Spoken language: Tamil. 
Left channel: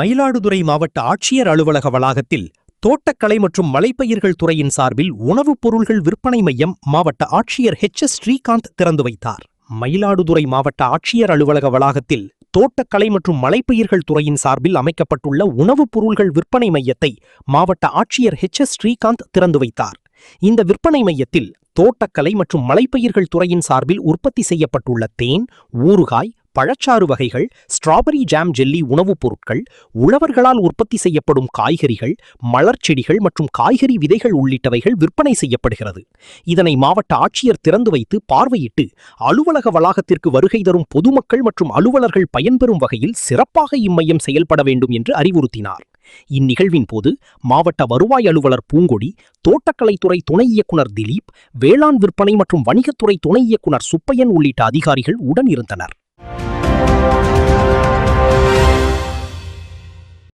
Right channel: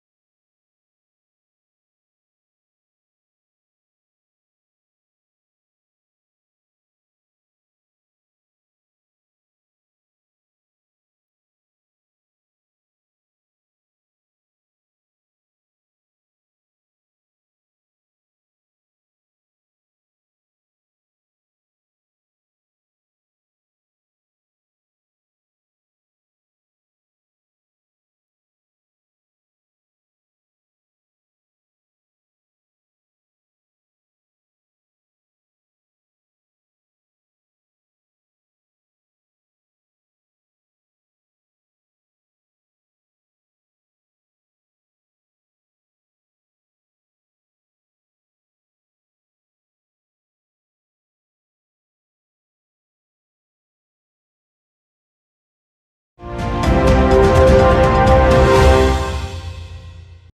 மயிலாடுதுறை மாவட்ட ஆட்சியர் அலுவலக வளாகத்தில் தோட்டக்கலை மற்றும் மலைப்பயிர்கள் துறையின் சார்பில் உணவுப் பொருள்கள் விற்பனை மையம் மாவட்ட ஆட்சியர் எஸ் ஸ்ரீகாந்த் திறந்து வைத்தார். மயிலாடுதுறை மாவட்ட ஆட்சியர் அலுவலக வளாகத்தில் தோட்டக்கலை மற்றும் மலைப்பயிர்கள் துறையின் சார்பில் அமைக்கப்பட்டுள்ள உணவுப் பொருள்கள் விற்பனை மையத்தை மாவட்ட ஆட்சியர் எஸ் ஸ்ரீகாந்த் திறந்து வைத்தார். இந்த விற்பனை மையத்தில் தோட்டக்கலை மற்றும் மலைப்பயிர்கள் துறையின் சார்பில் உற்பத்தி செய்யப்பட்டுள்ள தேன், ஊறுகாய், பழச்சாறு வகைகள், ஸ்ட்ராபெரி ஜாம் ஜெல்லி உணவுப் பொருட்கள், உழவர்களால் உற்பத்தி செய்யப்படும் காய்கறிகள், மலர்ச்செடிகள் மற்றும் காய்கறி விதைகள் உள்ளிட்டவைகள் விற்பனை செய்யப்படுகிறது. இதனை மாவட்ட ஆட்சியர் திறந்து வைத்து பார்வையிட்டு அலுவலக வளாகத்திற்கு வருகை தரும் பொதுமக்கள் மற்றும் அலுவலர்கள் பயன்பெறும் வகையில் சிறப்பாக இம்மையம் செயல்பட வேண்டும் என்று அறிவுறுத்தினார். இந்நிகழ்வின் போது மாவட்ட வருவாய் அலுவலர் பூங்கொடி, தோட்டக்கலைத்துறை துணை இயக்குனர் திலீப், வேளாண் விற்பனை மற்றும் வணிகத்துறை துணை இயக்குனர் சுப்பையன் உள்ளிட்ட அதிகாரிகள் உடன் இருந்தனர்.